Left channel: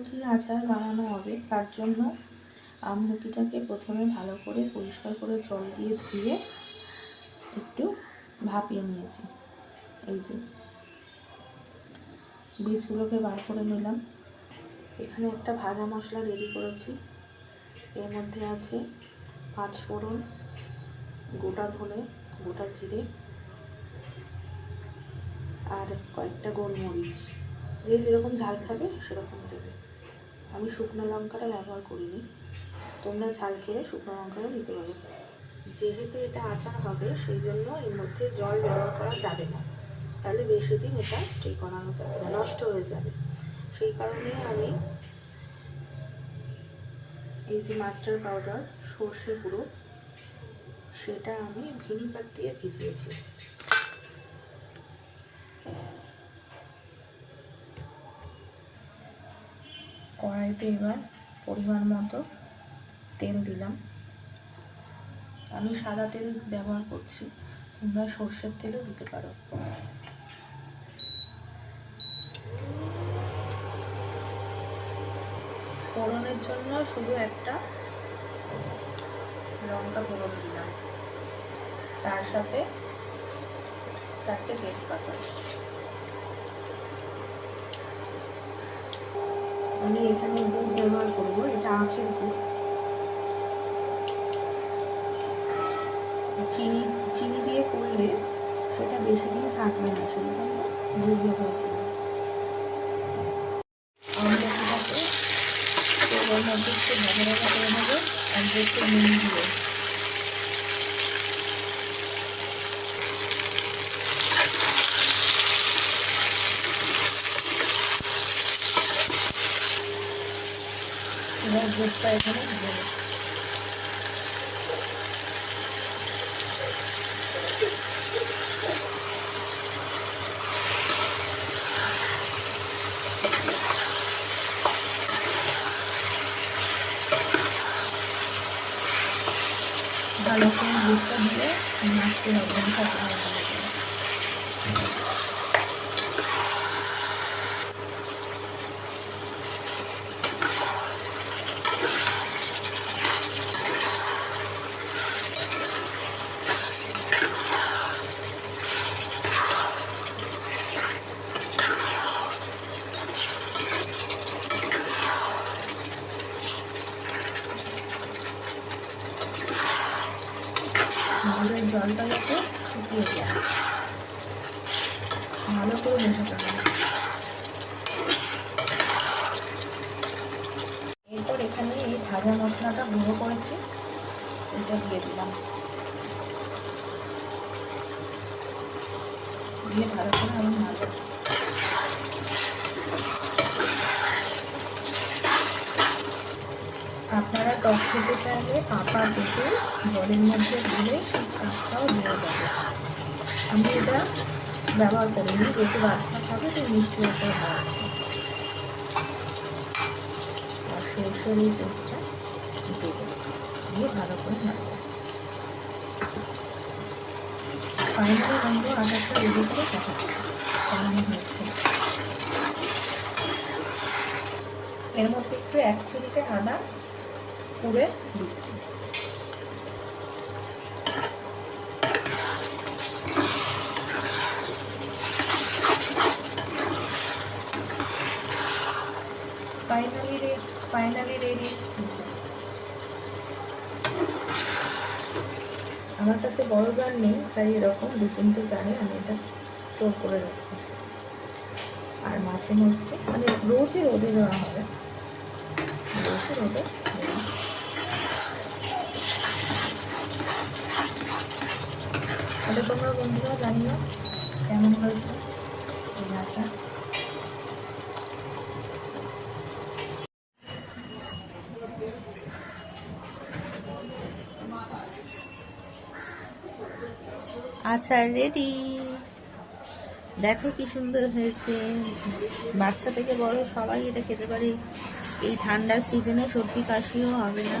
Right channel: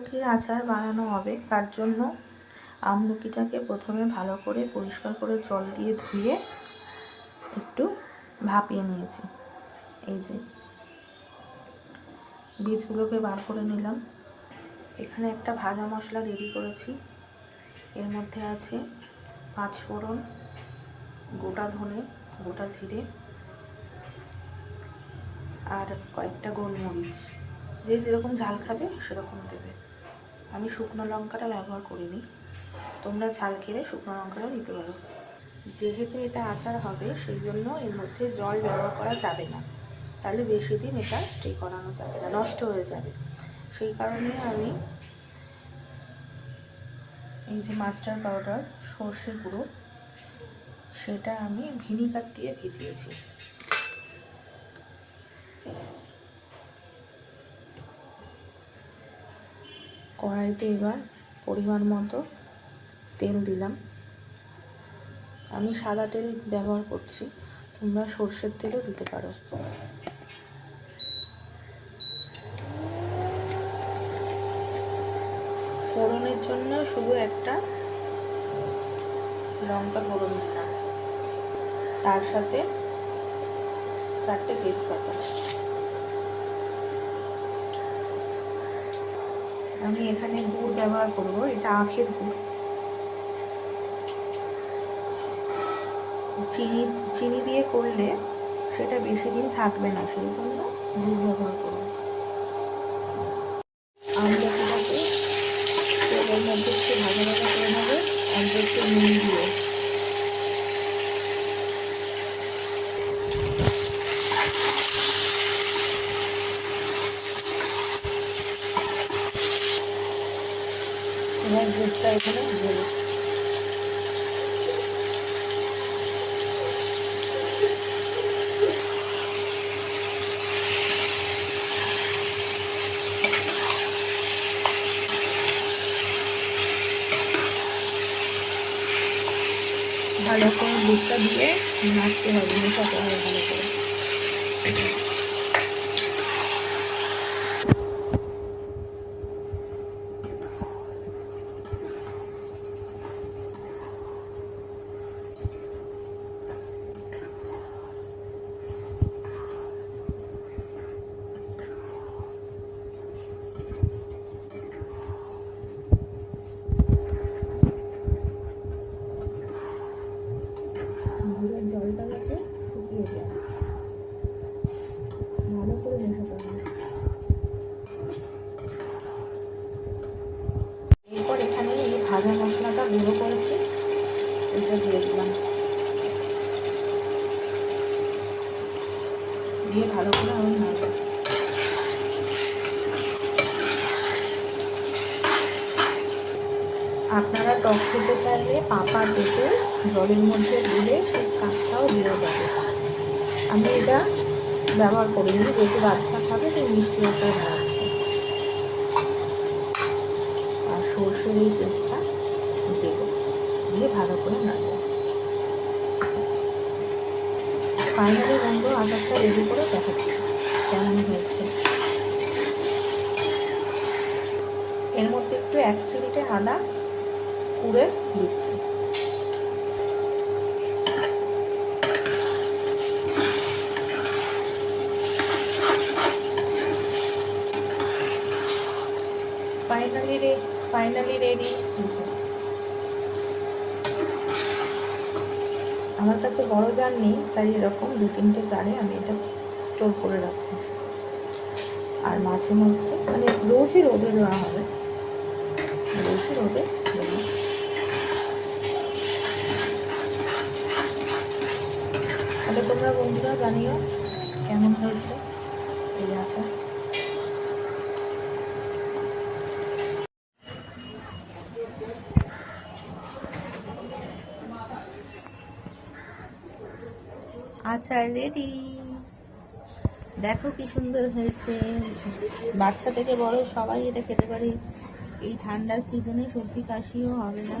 আমলকির আচার বানানো হবে, তার জন্য আমলকিটাকে প্রথমে ভালো করে পরিষ্কার করে জল দিয়ে ধুয়ে একটু ভাপিয়ে নিয়েছি। এই যে বীজগুলোকে বার করে নিলাম। এখানে একটা ভাজা মশলা রেডি করেছি। এর মধ্যে আছে 5 ফোড়ন, গোটা ধনে, গোটা জিরে আর কয়েকটা গোলমরিচ। যে যেরকম ঝাল খাবে সেরকম দেবে। আমি শুকনো লঙ্কাটা ব্যবহার করিনি, তোমরা ঝাল খেলে শুকনো লঙ্কাটা দিতে পারো। যেহেতু এটা আচার হবে সেই জন্য এর মধ্যে জল ব্যবহার করা যাবে না, তাহলে বেশি দিন এটা স্টে করানো যাবে না, নষ্ট হয়ে যাবে। সেই কারণে আমি এই যে মাস্টার্ড পাউডার, সর্ষে গুঁড়ো, সেটা আমি ভিনিগার দিয়ে ভিজিয়েছি। কড়াইতে এবার পরিমাণ মতো তেল দিলাম। আমি সাদা তেল ব্যবহার করছি, তোমরা সর্ষের তেলও দিতে পারো। ফোড়নের জন্য শুধু একটা লঙ্কা ফোড়ন দিলাম, তার সাথে 4টে তেজপাতা। আমি এখানে গুড় ব্যবহার করব, এটা আখের গুড়। চিনি দিয়ে করলে সেটা বেশি দিন থাকবে না, সেই জন্য গুড় ব্যবহার করব। আমলকিটাকে তেলের মধ্যে একটু ভাজা ভাজা করে নেবো, আর একটু নুন দিয়ে। এবার দুধটা এখানে দেবো। ভালো করে দুধটা দিয়ে নাড়তে হবে, মেশাতে হবে ভালো করে। গুড়ের জলটা যাতে শুকিয়ে যায়, ভালো করে মেশাতে হবে। এরপর এখানে এই ভাজা মশলাটা গুঁড়ো করেছি, এটা দিয়ে দিলাম। দিয়ে ভালো করে আমি নাড়ব। আপনারা টক খেতে চাইলে পাকা পেঁপে জলের মধ্যে দিলে সেই কাঁচটাও দিয়ে যাবে। আমি এটা ব্যবহার করিনি, যেহেতু বাচ্চা খাবে তো মিষ্টি আচার বানাচ্ছি। আর সর্ষের এই পেস্টটা দেবো, দিয়ে ভালো করে নাড়ব। ফাইনালি বন্ধু আচারটা রেডি করে দেখাচ্ছি কেমন হয়েছে। এর মধ্যে একটু 1 চিমটে আদা কুড়ে দিচ্ছি। Finally ready. আমার কাছে বড় জার নেই, তাই এরকম 2-3টে জারে আমি এটা স্টোর করে রাখি। আর মাঝে মধ্যে মানে রোজই রোদে দেওয়া হবে, রোজই রোদে দেওয়া। তাহলে তোমরা বন্ধুরা জানিও কেমন হয়েছে এই আচার। আচার রেডি, দেখো কি সুন্দর হয়েছে। বাচ্চা থেকে বড় সবাই এটা খেতে পারে। এই ঠান্ডার সিজনে সর্দি কাশিও হবে না।